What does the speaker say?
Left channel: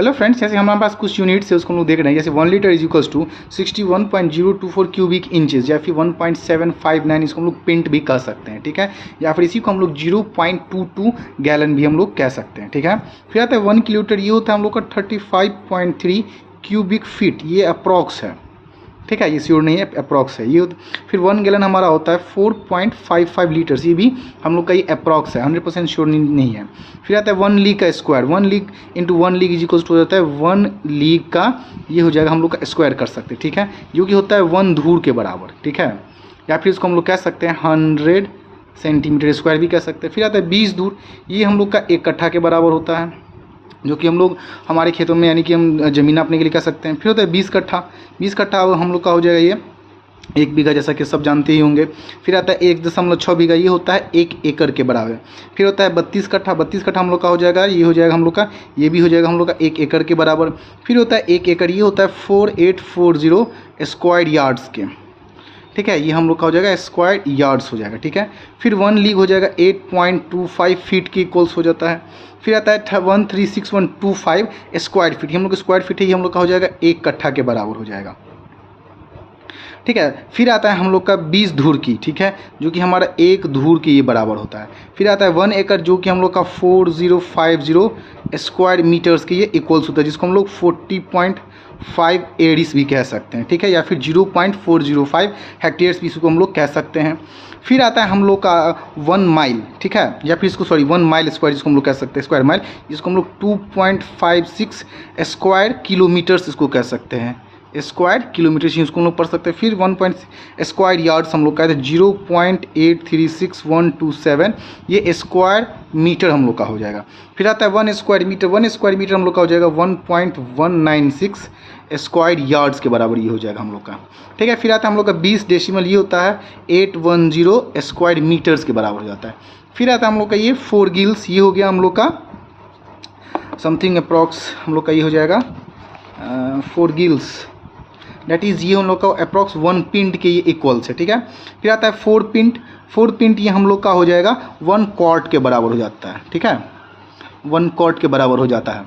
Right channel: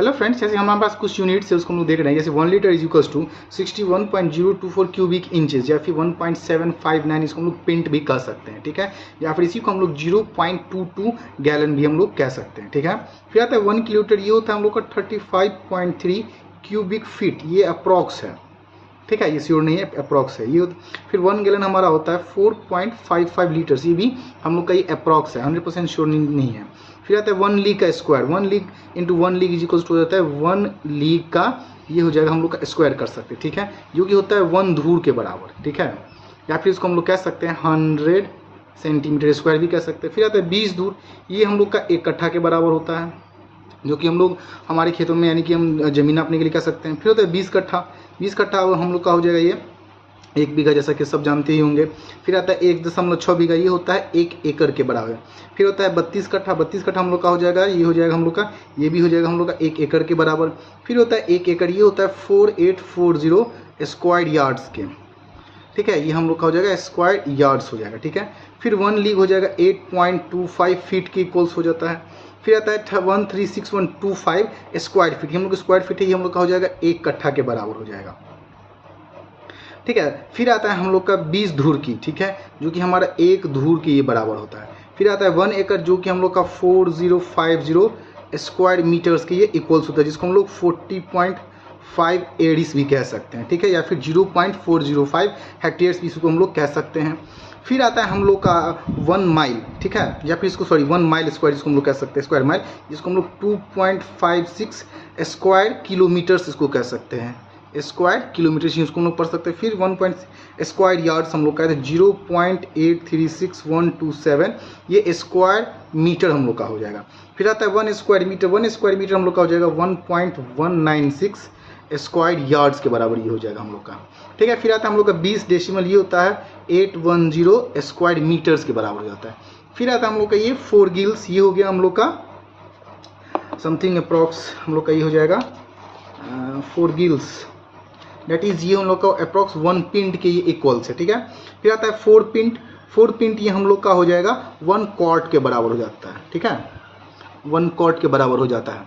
Hello friends, जैसे हमारे पास कुछ यूनिट्स है उसको हम लोग देख रहे हैं। जैसे 1 litre is equals to 61.024 cubic inches या फिर 1.759 इसको हम लोग पिंट भी कह सकते हैं, ठीक है। या फिर इसी को हम लोग 0.22 गैलन भी हम लोग कह सकते हैं, ठीक है। फिर आता है 1 किलोलीटर, ये होता है हम लोग का 35.3 क्यूबिक फीट, ये अप्रॉक्स है, ठीक है। ये श्योर नहीं है, अप्रॉक्स है ये। फिर 1 गैलन हमारा होता है 4.55 लीटर्स, ये भी हम लोग का ये अप्रॉक्स है, 100% श्योर नहीं है। फिर आता है 1 लीग का square, 1 league into 1 league is equals to हो जाता है 1 लीग का, ये हो जाएगा हम लोग का स्क्वायर कर सकते हैं, ठीक है, जो कि होता है 1 धूर के बराबर, ठीक है। या फिर इसको हम लोग कह सकते हैं 100 सेंटीमीटर स्क्वायर भी कह सकते हैं। फिर आता है 20 धूर, ये हम लोग का 1 कट्ठा के बराबर होता है, जो कि हम लोग हमारे खेतों में यानी कि हम ज़मीन नापने के लिए कह सकते हैं। फिर होता है 20 कट्ठा, 20 कट्ठा हम लोग का हो जाएगा ये 1 बीघा, जैसा कि सब जानते ही होंगे। फिर आता है 1.6 बीघा, ये होता है 1 एकड़ के बराबर। फिर होता है 32 कट्ठा, 32 कट्ठा हम लोग का हो जाएगा, ये हो जाएगा हम लोग का, ये भी हो जाएगा हम लोग का 1 एकड़ के बराबर। फिर होता है 1 एकड़, ये होता है 4840 स्क्वायर यार्ड्स के, ठीक है, ये हम लोग का हो जाएगा स्क्वायर यार्ड्स हो जाएगा, ठीक है। फिर 1 लीग हो जाएगा 8.25 फीट के इक्वल्स हो जाता है। फिर आता है 136125 स्क्वायर फीट, हम लोग स्क्वायर फीट है, ये हम लोग का हो जाएगा 1 कट्ठा के बराबर हो जाएगा, ठीक है। फिर आता है हम लोग का 20 धूर की, ठीक है, जो कि हमारा 1 धूर के ये बराबर होता है। फिर आता है 1 एकड़, जो कि हम लोग का 4050 स्क्वायर मीटर्स के ये इक्वल्स होता है, जिसको हम लोग 40.5 एडिस भी कह सकते हैं, ठीक है, या फिर 0.405 हेक्टेयर्स भी इसको हम लोग कह सकते हैं। फिर आता है हम लोग का 1 माइल, ठीक है, या फिर इसको 1 माइल स्क्वायर जिसको हम लोग कह सकते हैं, स्क्वायर माइल, जिसको हम लोग 2.56 स्क्वायर किलोमीटर्स इसको कह सकते हैं, स्क्वायर किलोमीटर इसको हम लोग पढ़ सकते हैं। फिर 1 स्क्वायर यार्ड्स हम लोग कहते हैं 0.836127, ये स्क्वायर मीटर हम लोग का हो जाएगा। फिर आता है 1 स्क्वायर मीटर, 1 स्क्वायर मीटर हम लोग का हो जाएगा 1.196 स्क्वायर यार्ड्स के बराबर ये हो जाएगा हम लोग का, ठीक है। फिर आता है हम लोग का 20 डेसिमल, ये होता है 810 स्क्वायर मीटर्स के बराबर हो जाता है। फिर आता है हम लोग का ये 4 गिल्स, ये हो गया हम लोग का समथिंग अप्रॉक्स, हम लोग का ये हो जाएगा 4 गिल्स, दैट इज़ ये हम लोग का अप्रॉक्स 1 पिंट के ये इक्वल्स है, ठीक है। फिर आता है 4 पिंट, 4 पिंट ये हम लोग का हो जाएगा 1 क्वार्ट के बराबर हो जाता है, ठीक है, 1 क्वार्ट के बराबर हो जाता है।